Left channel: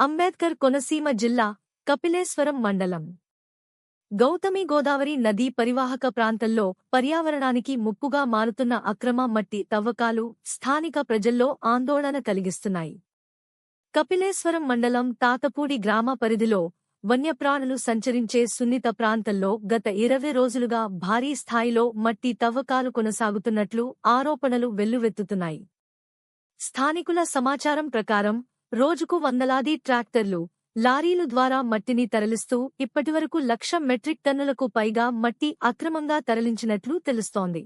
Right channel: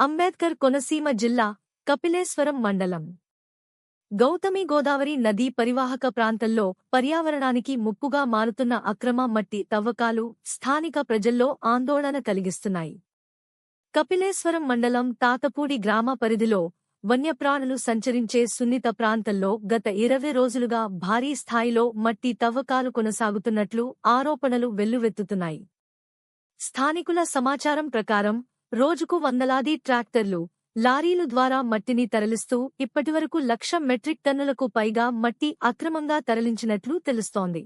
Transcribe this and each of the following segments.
అంబేద్కర్ కోనసీమ జిల్లా కపిలేశ్వరం మండలం గౌతమి గోదావరి నదీ పరివాహక ప్రాంతంలో పర్యావరణానికి ముప్పుగా మారుతున్న అక్రమ మట్టి తవ్వకాలు స్థానిక ప్రజల్లో ఆందోళన కలిగిస్తున్నాయి. కపిలేశ్వరం మండలం తాతపూడి గ్రామ పరిధిలో వన్యప్రాణులు సంచరించే సున్నిత ప్రాంతంలో గత 20 రోజులుగా భారీ స్థాయిలో మట్టి తవ్వకాలు కొనసాగుతున్నట్లు ఆరోపణలు వెల్లువెత్తుతున్నాయి. స్థానికుల సమాచారం ప్రకారం రోజుకు వందలాది ట్రాక్టర్లు, లారీలు ద్వారా మట్టిని తరలిస్తూ ఇప్పటివరకు 1,00,000 మెట్రిక్ టన్నులకు పైగా మట్టి అక్రమంగా తరలించినట్లు తెలుస్తోంది.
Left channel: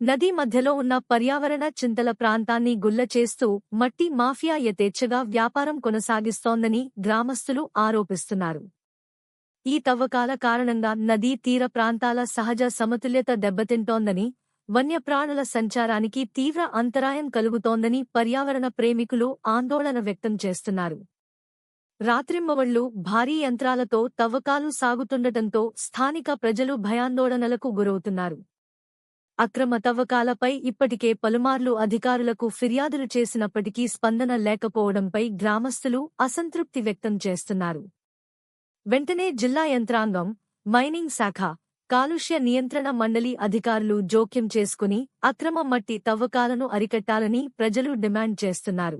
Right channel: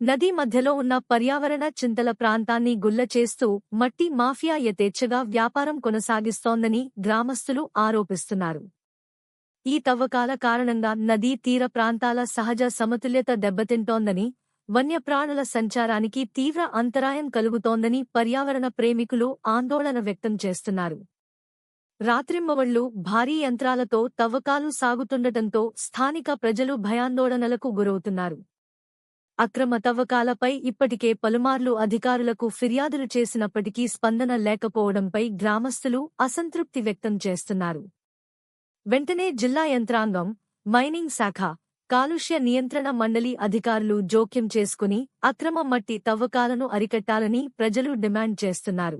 నదీ మధ్యలో ఉన్న పర్యావరణ చింతల ప్రాంతాన్ని గుల్ల చేస్తూ మట్టి మాఫియా యథేచ్ఛగా వ్యాపారం కొనసాగిస్తోందని గ్రామస్తులు ఆరోపిస్తున్నారు. ఈ తవ్వకాల కారణంగా నదీ తీర ప్రాంతాల సహజ సమతుల్యత దెబ్బతింటోందని, వన్యప్రాణుల సంచారానికి తీవ్ర అంతరాయం కలుగుతోందని పర్యావరణ ప్రేమికులు ఆందోళన వ్యక్తం చేస్తున్నారు. రాత్రింబవళ్లు భారీ యంత్రాలతో తవ్వకాలు సాగుతుండటంతో స్థానిక ప్రజలు భయాందోళనలకు గురవుతున్నారు. అక్రమ తవ్వకాలపై ఇప్పటికే పలుమార్లు అధికారులకు ఫిర్యాదులు చేసినప్పటికీ స్పందన లేకపోవడంపై గ్రామస్తులు అసంతృప్తి వ్యక్తం చేస్తున్నారు. వెంటనే జిల్లా యంత్రాంగం, మైనింగ్ శాఖ, కాలుష్య నియంత్రణ మండలి అధికారులు జోక్యం చేసుకుని అక్రమ మట్టి తవ్వకాలను అరికట్టాలని ప్రజలు డిమాండ్ చేస్తున్నారు.